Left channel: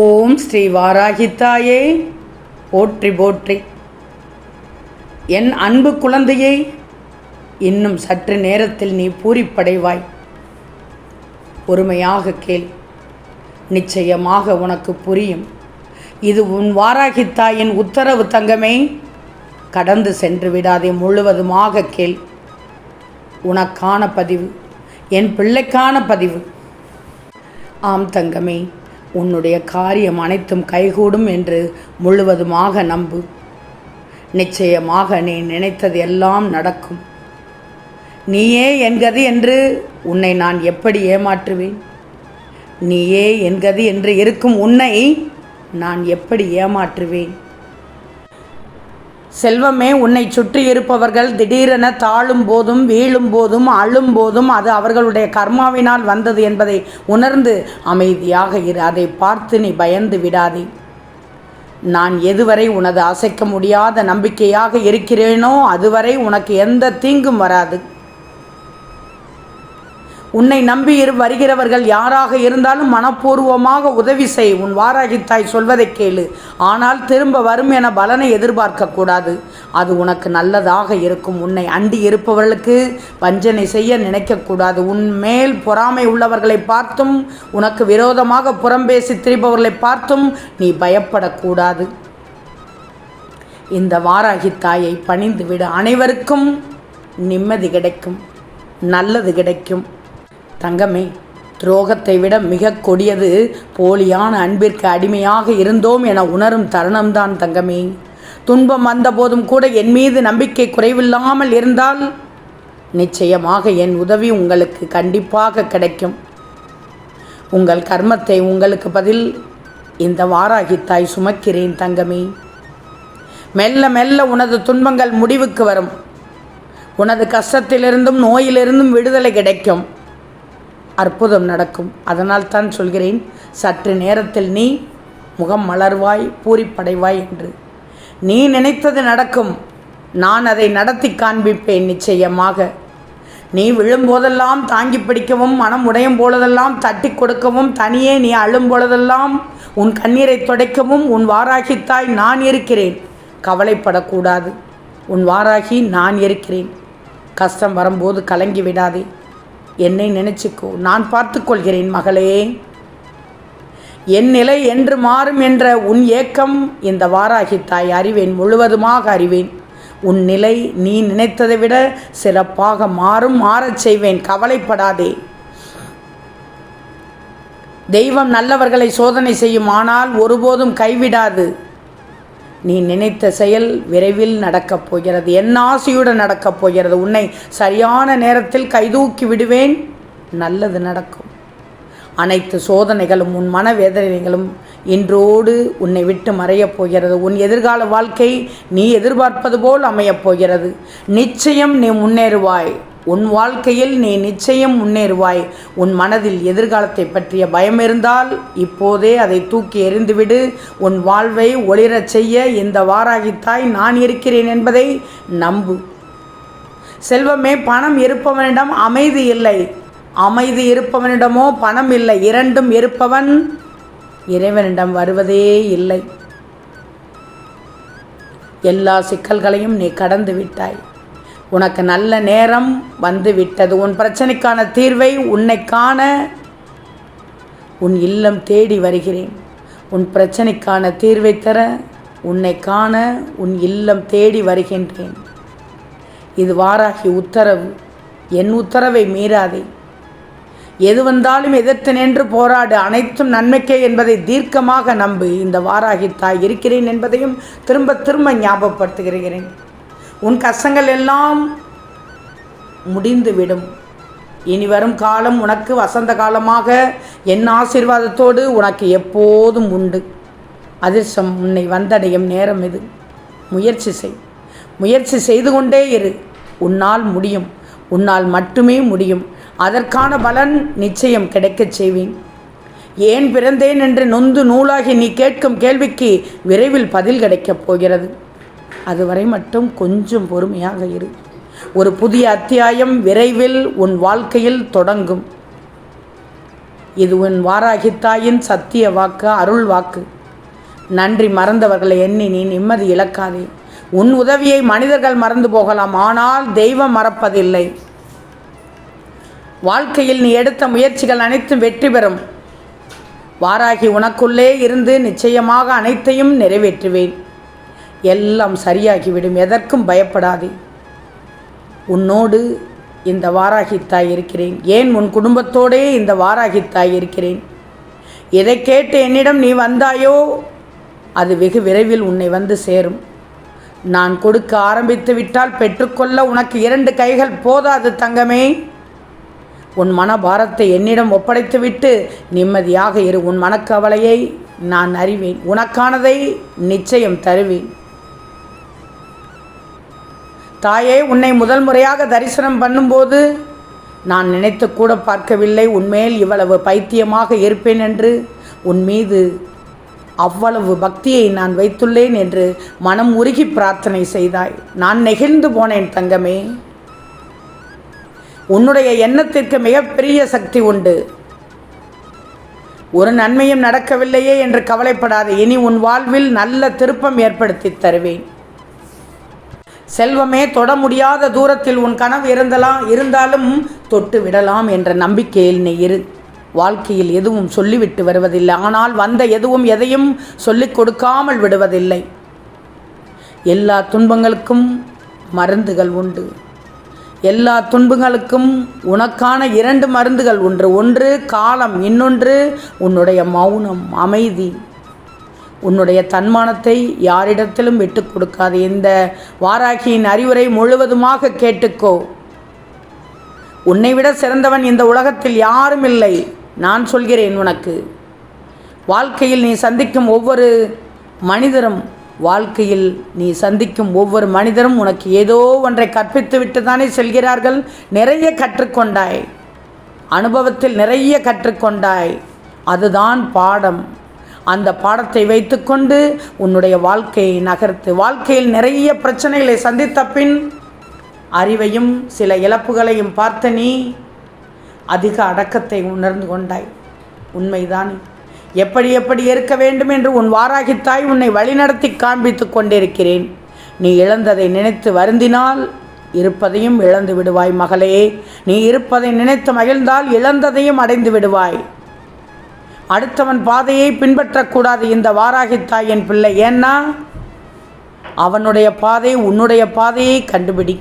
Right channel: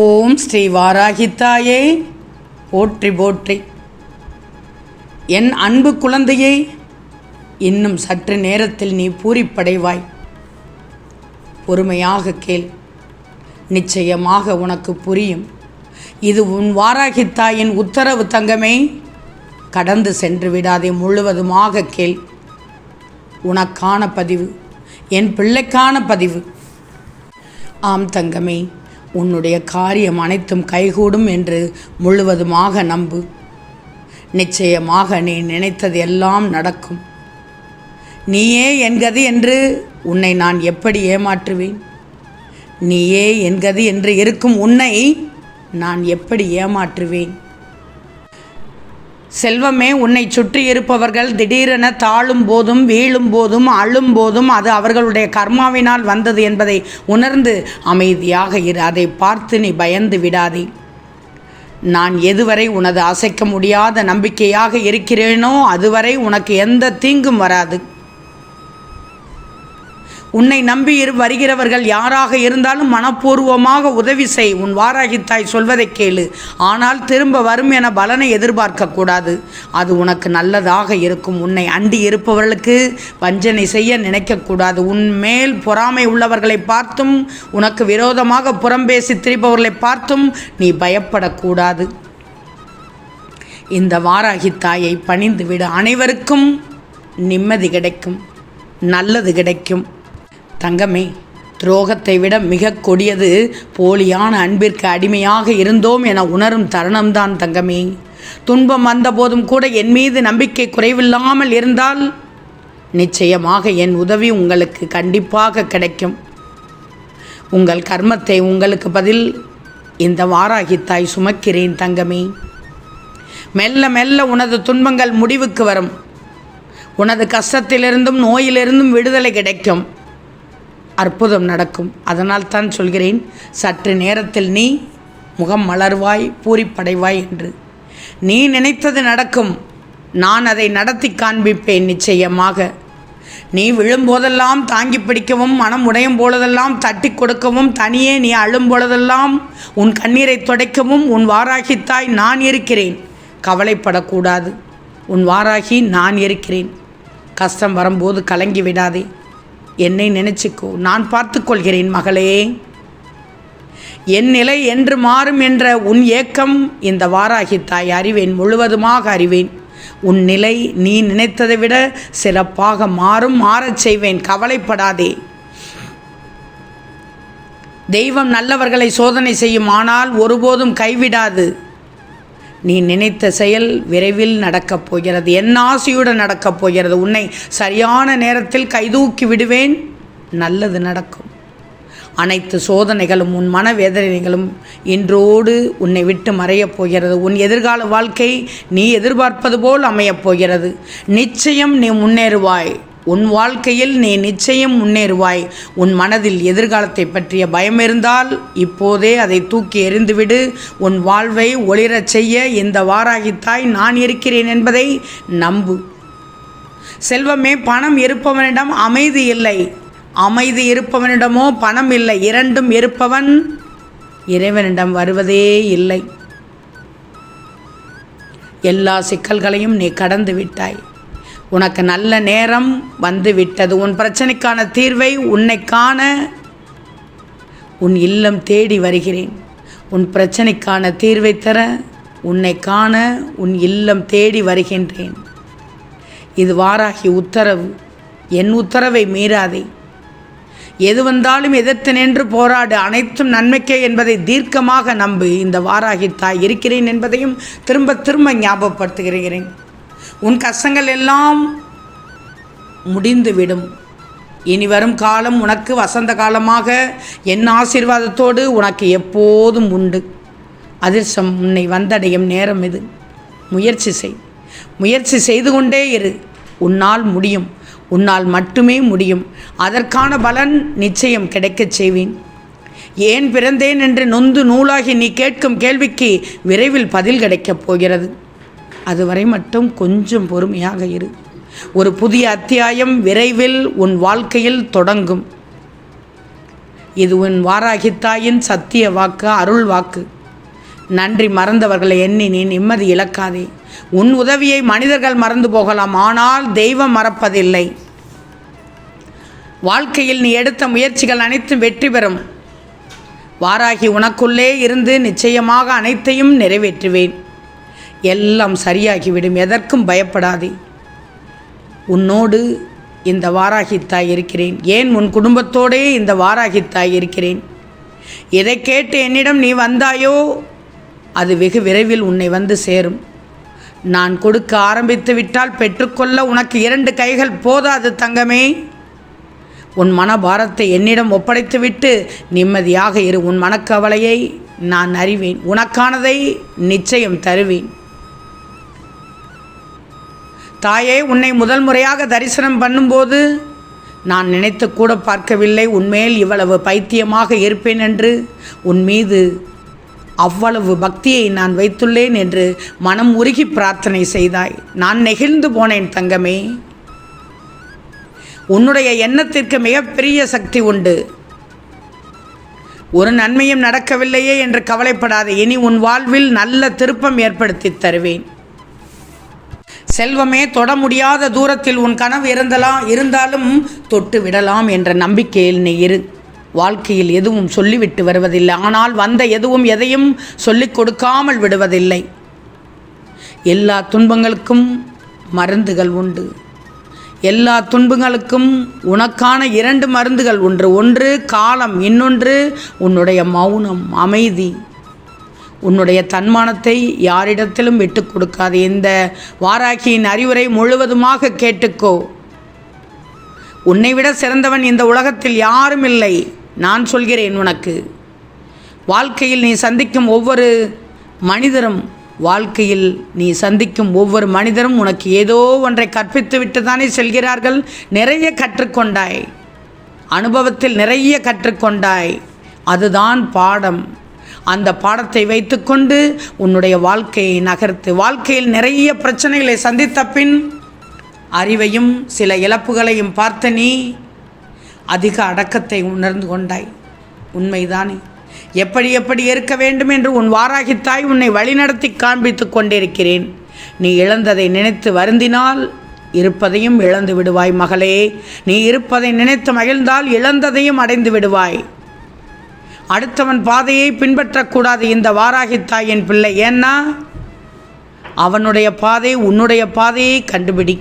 ஓம் ஸ்ரீ வாராகித்தாயே. போற்றி போற்றி. என் அன்பு குழந்தையை இன்னும் சற்று நேரத்தில் நீ பூரிப்படைவாய். பொறுமையாக கேள். நிச்சயமாக உனக்கு புரியும். இது உன் வாராகித்தாயின் உத்தரவு தங்கமே. கடந்து சென்று விடாதே முழுவதுமாக கேள். உனக்கான பதிவு என் பிள்ளைக்கான பதிவு. ஆம் தங்கமே உன்னுடைய காரியம் அனைத்தும் கைகூடும் என்று முழுவதுமாக நம்பு. நிச்சயமாக நீ நினைத்தது எல்லாம் நடக்கும். நீயே என்கது என்று உன்னை நான் எப்படி ஏமாற்றுவேன்? நீயே என்கது என்று இருக்கும் உன்னை நான் எப்படி ஏமாற்றுவேன்? செல்வமே உன்னை சுற்றி இருப்பவர்கள் திடீரென தாழும் போதும் வீழும் போதும் அழும் போதும் அது அவர்களுடைய கர்மாவினால் வந்தது என்பதை உணர்ந்து அமைதியாக இரு. அதை பார்த்து நீ பயந்து விடாதே. நான் எதுவரை உனது அசைக்க முடியாத நம்பிக்கையாக இருக்கிறேனோ அதுவரை உனக்கு எந்த தீங்கும் வராது. உன்னை நம்பி வருகிறவர்கள் யாராக இருந்தாலும் மனப்பூர்வமாக உதவி செய். உன் வாராகித்தாய் சொல்வதை கேளு. ஆனால் திரும்ப வரும் என பலனை எதிர்பார்க்கக்கூடாது அது உனக்கு நல்லதாக இருக்கும். உன்னை அண்டி இருப்பவர்களுக்கு வஞ்சனை செய்ய நினைக்கக்கூடாது உன் மேல் பொறாமை உள்ளவர்களை பார்த்தும் உனக்கு விரோதமாக புறம்பேசி திரிபவர்களை பார்த்தும் நீ பயப்படக்கூடாது இந்த வாராகி தாயை பணிந்துவிட. அனைவருக்கும் நிம்மதி கிடைக்கும். நல்லது கிடைக்கும். தங்கமே துரோகத்தை விட மிக கொடியது போலியான அன்பிற்கு அடிமையாக இருந்தோம் என உணரும் தருணம்தான் தங்கமே. துன்பம் வந்தபோதும் கூட என் மீது நம்பிக்கை குறைவில்லாமல் இருந்தால் நிச்சயமாக என் உதவி உங்களுக்கு கண்டிப்பாக கிடைக்கும். உங்கள் கர்மத்தை உங்களுக்கு பதில் இந்த வாராகித்தாய் சுமக்கிறேன் தங்கமே. மெல்ல மெல்ல உனது துன்பங்கள் முடிவுக்கு வரும். உனது கஷ்டத்திலிருந்தும் நோயிலிருந்தும் விடுதலை கிடைக்கும். அற்புதம் நடக்கும். அதனால் தான் சொல்கிறேன் சற்று நேரத்தில் நீ முகம் மலர்வாய் பூரிப்படைவாய் என்று. நீ நினைத்தது நடக்கும். நான் அதை நடத்தி காண்பிப்பேன் நிச்சயமாக. நீ விழும்போதெல்லாம் தாங்கி பிடிக்கவும் மனம் உடையும் பொழுதெல்லாம் தட்டி கொடுக்கவும் தனியே நீ அழும் பொழுதெல்லாம் உன் கண்ணீரை துடைக்கவும் உன் வாராகித்தாய் நான் இருக்கிறேன். கவலைப்படக்கூடாது. உன் வாராகி நான் இருக்கிறேன். கஷ்டம் வரும்போது கலங்கி விடாதே. என்னை நினைச்சுக்கோ. நான் பார்த்துக்கொள்கிறேன் மகளே. என் நிலை என்று மாறும் என்ற உன் ஏக்கம் இந்த வாராகி தாய் அறிவேன் முழுவதுமாக அறிவேன். உன் நிலை நீ நினைத்ததை விட சிறப்பாக மாறும் மாறச் செய்வேன். கவலைப்படாதே. தெய்வம் நல்லவர்களை சோதனை செய்யும் ஆனால் ஒருபோதும் கைவிடாது. நீ நினைத்த செயல் விரைவில் நடக்கப் போகிறது. என் ஆசையுடன் நடக்கப் போகிறது. உன்னை சரியான நேரத்தில் கைதூக்கி விடுவேன். நல்லது நடக்கும். அனைத்து சோதனைகளும் உன் மனவேதனைகளும் இன்றோடு உன்னை விட்டு மறையப் போகிறது. உன் எதிர்கால வாழ்க்கை நீ எதிர்பார்ப்பது போல் அமையப் போகிறது. நிச்சயம் நீ முன்னேறுவாய். உன் வாழ்க்கையில் நீ நிச்சயம் முன்னேறுவாய். உன் மனதில் எதிர்காலத்தை பற்றிய பயம் இருந்தால் இப்போதே அதை தூக்கி எறிந்துவிடு. உன் வாழ்வை ஒளிரச் செய்ய இந்த வாராகித்தாய் நான் இருக்கிறேன் என்பதை நம்பு. செல்வமே பணம் இருப்பவனிடம் அமைதி இல்லை. அமைதி இருப்பவனிடமோ பணம் இல்லை. இரண்டும் இருப்பவன் இறைவனிடம் வருவதே இல்லை. எல்லா சிக்கல்களையும் நீ கடந்து விட்டாய். உனக்கு நல்ல நேரம் வந்து விட்டது உன் பிரச்சனைக்கான தீர்வை உன்னை காண உன் இல்லம் தேடி வருகிறேன். உன் பிரச்சனைக்கான தீர்வை தர உன்னை காண உன் இல்லம் தேடி வருகின்றேன். இது வாராகி உத்தரவு. என் உத்தரவை மீறாதே. எது வந்தாலும் எதிர்த்து நின்று போராடு. அனைத்தும் நன்மைக்கே என்பதை தீர்க்கமாக நம்பு. இந்த வாராகி தாய் இருக்கிறேன் என்பதையும் திரும்ப திரும்ப ஞாபகப்படுத்துகிறேன். உன் கஷ்டங்கள் எல்லாம் முடிந்துவிடும். இனி வரும் காலம் உனக்கு வசந்த காலமாக என் ஆசீர்வாதத்தோடு உனக்கு எப்போதும் உண்டு. அதிர்ஷ்டம் உன்னை வந்தடையும் நேரம் இது. முயற்சி செய். முயற்சி செய்து கொண்டே இரு. உன்னால் முடியும். உன்னால் மட்டுமே முடியும். அதற்கான பலன் நிச்சயம் கிடைக்கச் செய்வேன். ஏன் பிறந்தேன் என்று நொந்து நூலாகி நீ கேட்கும் கேள்விக்கு விரைவில் பதில் கிடைக்கப் போகிறது. அதுவரை மட்டும் கொஞ்சம் பொறுமையாக இரு. ஒரு புதிய அத்தியாயம் விரைவில் உன் வாழ்க்கையில் தொடங்கும். இது உன் வாராகித்தாயின் சத்திய வாக்கு அருள் வாக்கு. நன்றி மறந்தவர்களை எண்ணி நீ நிம்மதி இழக்காதே. உன் உதவியை மனிதர்கள் மறந்து போகலாம் ஆனால் தெய்வம் மறப்பதில்லை. வாழ்க்கையில் நீ எடுத்த முயற்சிகள் அனைத்தும் வெற்றி பெறும். வாராகி உனக்குள்ளே இருந்து நிச்சயமாக அனைத்தையும் நிறைவேற்றுவேன். எல்லாம் சரியாகிவிடும். எதற்கும் பயப்படாதே. உன்னோடு இந்த வாராகித்தாய் இருக்கிறேன். ஏன் உன் குடும்பத்தோடே இந்த வாராகித்தாய் இருக்கிறேன்? எதை கேட்டு என்னிடம் நீ வந்தாயோ அது வெகு விரைவில் உன்னை வந்து சேரும். நான் கொடுக்க ஆரம்பித்து விட்டால் பெற்றுக்கொள்ள உனக்கு இரண்டு கைகள் போதாது தங்கமே. உன் மனபாரத்தை என்னிடம் ஒப்படைத்துவிட்டு நிம்மதியாக இரு. உன் மனக்கவலையை நான் அறிவேன். உனக்கானதை நிச்சயம் தருவேன். தாயே உன்னை முதல் முறையாக தரிசனம் பண்ணும்போது நான் நினைத்து கூட பார்க்கவில்லை. உன்மேல் இவ்வளவு பைத்தியமாக இருப்பேன் என்று உன் மீது அவ்வளவு பக்தியை நான் வைத்துள்ளேன் என்று மனம் உருகி பிரார்த்தனை செய்தாய். நான் நெகிழ்ந்து போனேன் தங்கமே. உன்னுடைய எண்ணத்திற்கு மிகப்பெரிய சக்தி உண்டு. ஒரு நன்மையும் நடக்கவில்லையே என்று கவலைப்படாத. இனி உன் வாழ்வில் நல்ல திருப்பம் ஏற்படுத்தி தருவேன். செல்வமே தொட முடியாத தூரத்தில் உன் கனவு இருந்தலாம் இருந்தாலும் தொட்டு விடலாம் என்ற நம்பிக்கையில் நீ இரு. வாழ்க்கையில் எதுவும் சொல்லிவிட்டு வருவதில்லை. ஆனால் வந்த எதுவும் எதையும் சொல்லிக் கொடுக்காமல் விடுவதில்லை. எல்லா துன்பங்களுக்கும் மருந்துகள் உண்டு. எல்லா துன்பங்களுக்கும் உனக்கான இரண்டு மருந்துகள் ஒன்று ஒன்று காலம் இன்னொன்று உன்னுடைய மௌனம் அமைதி. உன்னுடைய தன்மானத்தை யாரிடத்திலும் விட்டு கொடுக்காது. இந்த வாராகியின் அறிவுரை முழுவதுமாக கேட்டுக்கோ. உன்னை விட சிறந்தவன் இந்த உலகத்தில் யாரும் இல்லை. நான் சொல்கிறேன் உனக்கு. வாழ்க்கையில் நீ சந்திக்கும் ஒவ்வொரு மனிதரும் வாழ்க்கையில் நீ சந்திக்கும் ஒவ்வொரு மனிதரும் உனக்கு ஏதோ ஒன்றை கற்பித்து விட்டு தானே செல்கிறார்கள். நிறைய கற்றுக்கொண்டாய். அனுபவத்தில் நிறைய கற்றுக்கொண்டாய். அதுதான் பாடம். அந்த பாடத்தை வைத்துக்கொண்டு உன்னுடைய வாழ்க்கையை நகர்த்து வாழ்க்கையில் நிறைய பிரச்சனைகளை சந்தித்த பின் அறிவையும் சில இழப்புகளையும் பார்த்த நீ அதிக அடக்கத்தை உணர்ந்து கொண்டாய். உண்மைதானே. எப்படி எப்படி இருக்க வேண்டும் என்று உன் வாராகித்தாய் உன்னை வழிநடத்தி காண்பித்து கொண்டிருக்கிறேன். நீ இழந்ததை நினைத்து வருந்தினால் இருப்பதையும் இழந்து விடுவாய் மகளே. நீ இருப்பதை நினைத்து மகிழ்ந்தால் இழந்ததையும் அடைந்து விடுவாய். அடுத்தவன் பாதையை பின்பற்றக்கூடாது இந்த வாராகித்தாயின் பிள்ளை. ஏன்னா அவனுடைய பாதை உன்னுடைய பாதையை கண்டுபிடி.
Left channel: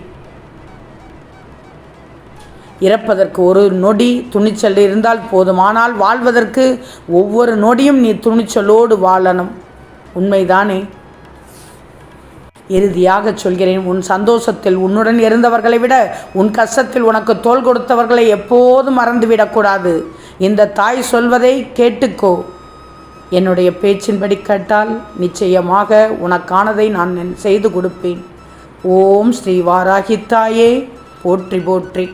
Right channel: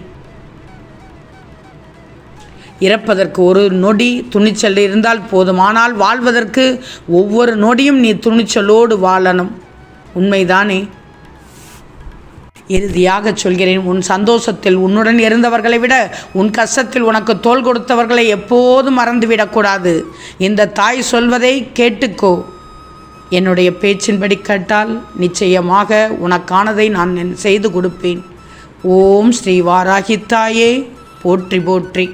இறப்பதற்கு ஒரு நொடி துணிச்சல் இருந்தால் போதும். ஆனால் வாழ்வதற்கு ஒவ்வொரு நொடியும் நீ துணிச்சலோடு வாழணும். உண்மைதானே? இறுதியாக சொல்கிறேன் உன் சந்தோஷத்தில் உன்னுடன் இருந்தவர்களை விட உன் கஷ்டத்தில் உனக்கு தோல் கொடுத்தவர்களை எப்போதும் மறந்துவிடக்கூடாது. இந்த தாய் சொல்வதை கேட்டுக்கோ. என்னுடைய பேச்சின்படி கேட்டால் நிச்சயமாக உனக்கானதை நான் செய்து கொடுப்பேன். ஓம் ஸ்ரீ வாராகி தாயே போற்றி போற்றி.